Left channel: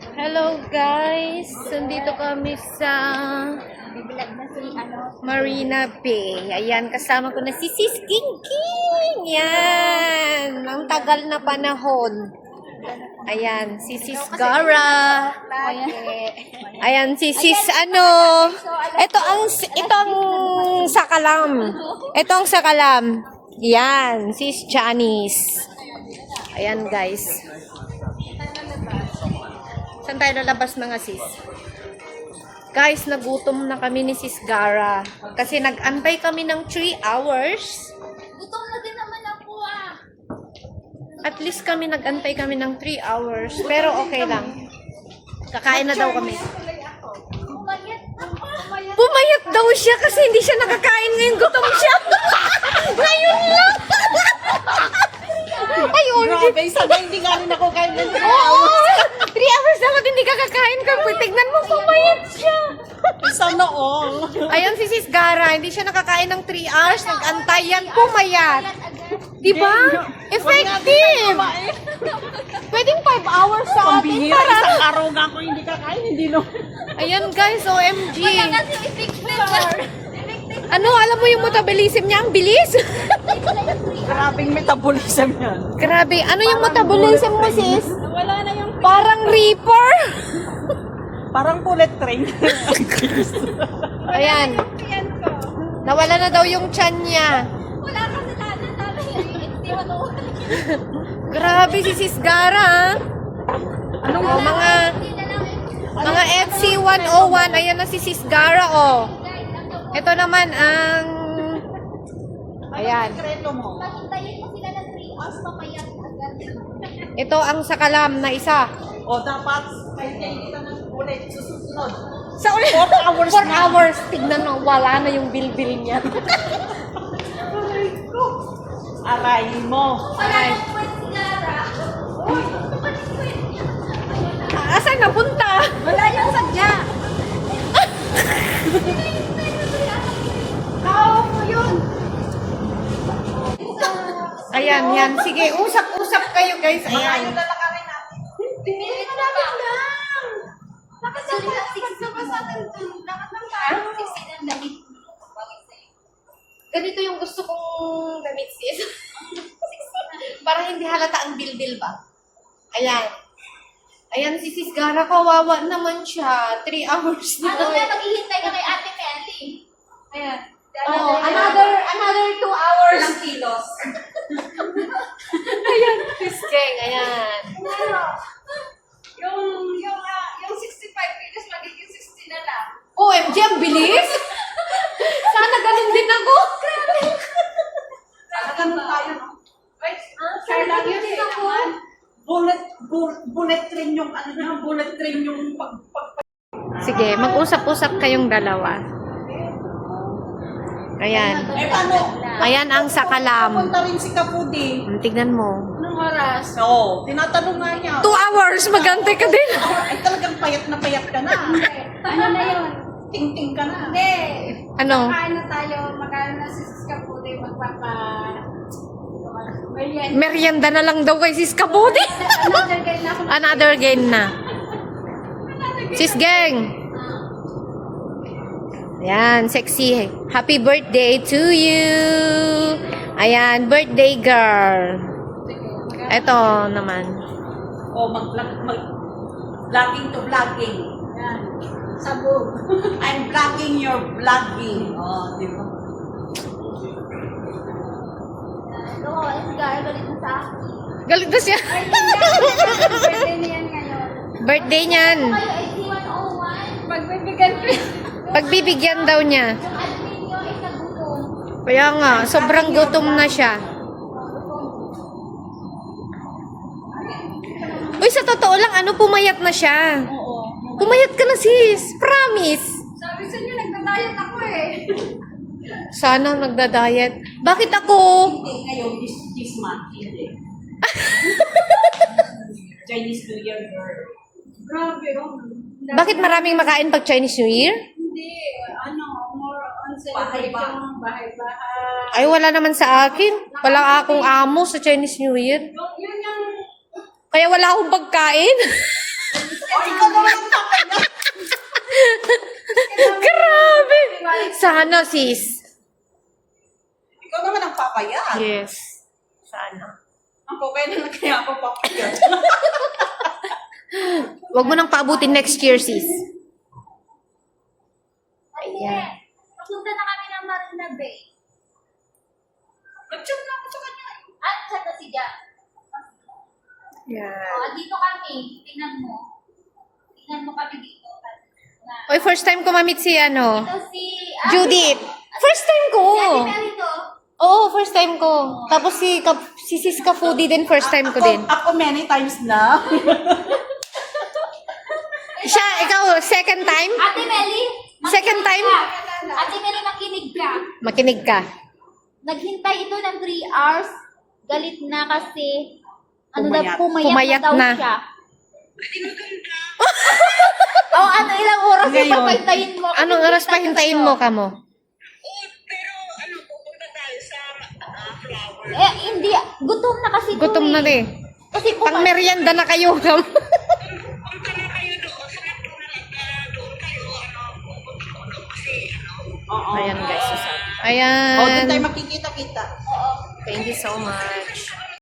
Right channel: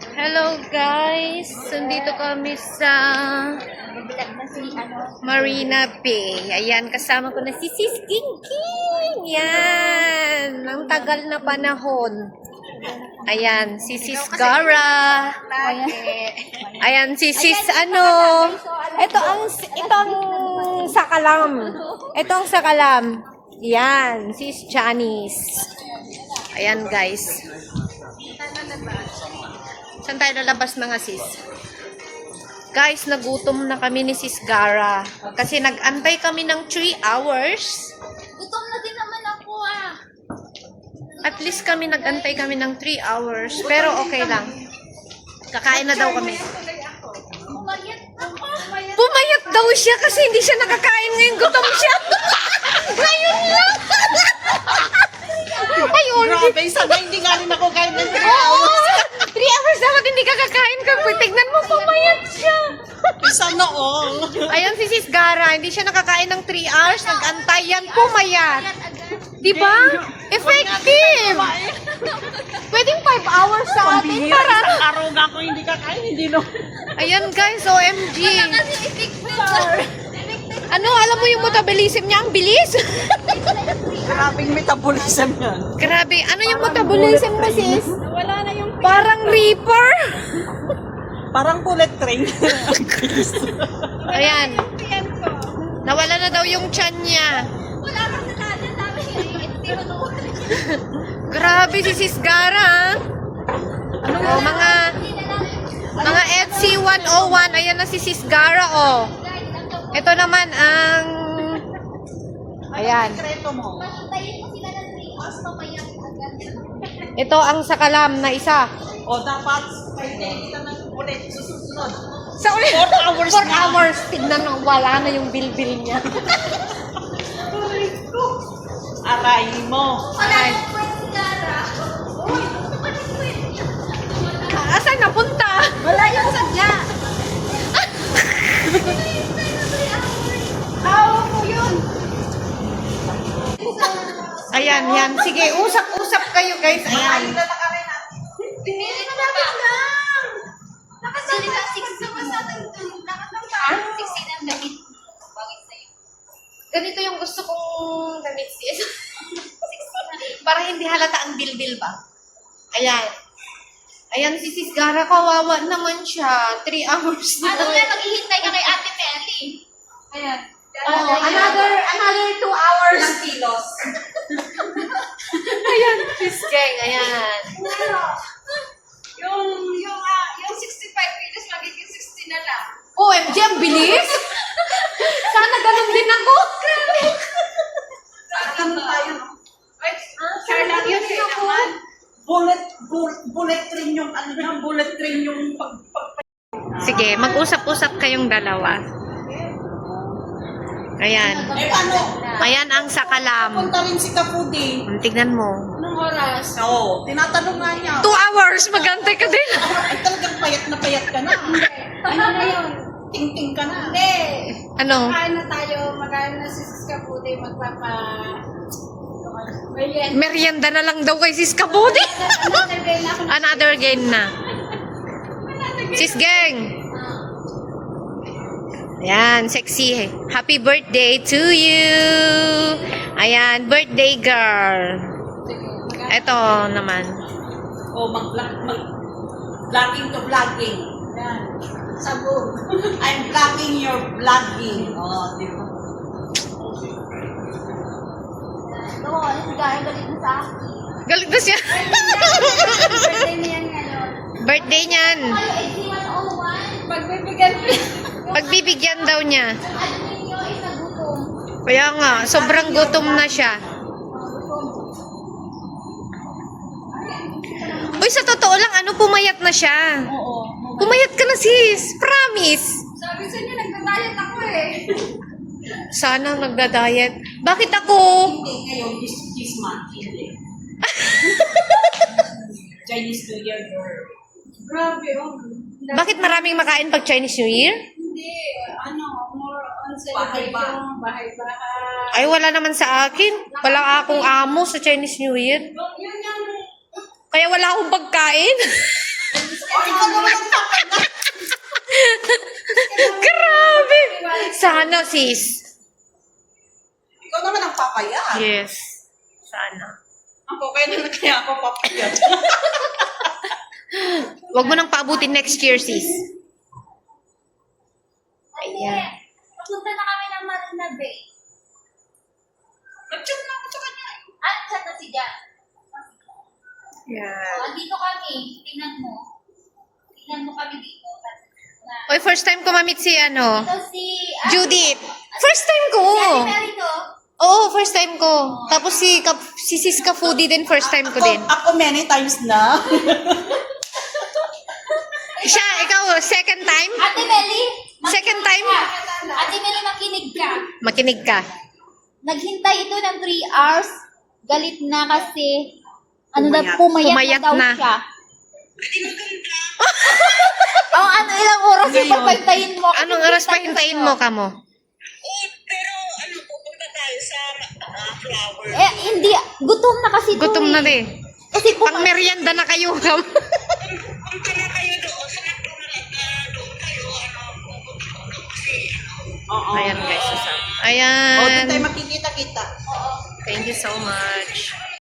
Hello guys! Nandito kami sa Marina Bay. Ayan, kasama ko na si Sis King King. Yan! Ang tagal na panahon. Ayan, si Sis Gara. Ayan, si Sis Ito ang Sakalam. Ito ang Sakalam. Yan, Sis Janice. Ayan guys. Saan tayo lalabas mga sis? Guys, nagutom na kami ni Sis Gara. Kasi nag-antay kami ng 3 hours. Gutom na din naman ako ah. At least nag-antay kami ng 3 hours. Pero okay lang. Kakain na daw kami. Pumayat ako. Pumayat daw siya kasi hindi siya nakakain ngayon. Gutom siya. Ngayon lang. Ayun. Grabe, sana hindi nga rin ako kain ng 3 Oo. hours. 3 hours dapat hindi ka kakain ka. Tignan mo, pumayat siya. Sana all. Ayun si Sis Gara, hindi siya nakakain ng 3 hours, nag-antay yan, pumayat. Diba? Effective! Pwedeng 5 hours sa atin para... Isang araw na ako hindi kakain, hindi no. Ayan guys, OMG. Kasi effective. Ano, alam mo yung metabolism niya? Ang bilis. Grabing metabolism yan. Grabe, ano yung metabolism mo sis? Wala na yung Parang reaper. Parang bullet train. Ayan, piyan ko. nawala na daw yung tiyan niya. Wala ka sa tanan namin. Hindi mo naman. Grabe si Sis Gara. Oh, mga EDC 101, ayan na si Sis Gara, oh. Ito naman ang... Ayan. Sekreto mo. Hintayin mo sila ng 3 hours pamayat agad. Ito ang Sakalam na isa. O dapat, kainin kita ng bullet. Susunod. Sa ulit. 4 hours 4 hours. Tignan mo, wala na yung bilbil niya. Aray mo. Wala nang pwede Gara. Uy, bakit pwede? Asan napunta? Wala yung sadya. Tao ko yun. Ayan, yan. Sige, usap-usap kayo guys. Ayan. Pinili na namin lang. Nakasalita 6 naman sa atin. Dapat lang tayo. 16 ang gamit. Bakit sa'yo? Ganito yung gusto kong damit sis. Para hindi halata ang bilbil ba? Ayan. Ayan si Sis Gara, kawawa naman siya. 3 hours na. Ano nga, naghihintay ka kay Ate Melly. Ayan. Oh, another 2 hours. Ilang kilos. Ayan, Sis Geng, ayan. Yung 65 kilos, magiging 60 na lang. OMG, ang bilis! Sana ganun din ako. Talagang tayo, no? Charlotte, yun naman. Bullet train yung ano na, bullet train yung pag Sige, mag-usap-usap kayong dalawa. Ayan. paano? Ayan ang Sakalam. Punta rin si Kapudi. Tignan mo. Anong oras? Oo, tinatanong nga niya. 2 hours, magantay ka din. Ay, talagang payat ka na. Ano na yun? Ting-ting ka na. Hindi. Ano? Kain na tayo. Magkano na si Siska Puti magpapa... Ayan. Merienda na lang daw kay Sis Kabudi. Another game na ako. Another game na. Sis Gang. Ayan, sexy. Happy birthday to you. Ayan, birthday girl. Ito naman. O, vlogging to vlogging. Yan. Sabog. I'm vlogging your vlogging. Oh, di ba? Ito, si Kaya galit na sa akin. Galit na siya. Birthday na yan ngayon. Birthday niyan. Kayo, 8101. Pagbibigyan ko. Pagbibigyan daw niya. Ano ninyo ay nagutom. Kaya nga, sobrang gutom na siya. Uy, sa totoo lang, pumayat na siya. Pumayat ka na sis. Promise. Sabi sa inyo, nagda-diet ako eh. Sana nagda-diet. Bakit ako? Hindi, ngayon, this month, hindi. Chinese New Year, girl. Grabe, oh. Bakit maraming makain pag Chinese New Year? Hindi, more on celebration, bahay-bahay. Ay, wala naman sa akin. Wala akong amo sa Chinese New Year. Yun yung Kaya wala akong pagkain. Oh, Grabe! Sana, sis. Ikaw naman ang papayat. Yes. Sana. Ako, kaya naman kaya ako papayat. Huwag mo nang paabutin next year, sis. Ayan. Papunta na kami ng Marina Bay. Nag-chat na ako sa kanya. Chat na si Jan. Yan. Dito kami. Tingnan mo. Tingnan mo kami dito. Oy, first time ko ma-meet si ano, Ito si... Judith. First time ko. Mary to. Oo, first time ko. Tapos si Sis Ka Foodie din, first time ko din. Ako many times na. Siya, ikaw, second time? Ate Meli. Second time? Ate Meli, makinig ka. Makinig ka. Naghintay ito ng 3 hours. Galit na kasi... Pumayat. Pumayat daw na. siya. Ano ilang oras Ngayon. yung papantayin mo? Anong oras pa hintayin mo ka mo? Hindi. Gutom na kasi ito Gutom na din. Kasi Pang merienda na kayo kam. Oo. Ayan guys, sasama. O, doon tayo Ayan. makikita-kita. Thank you so much.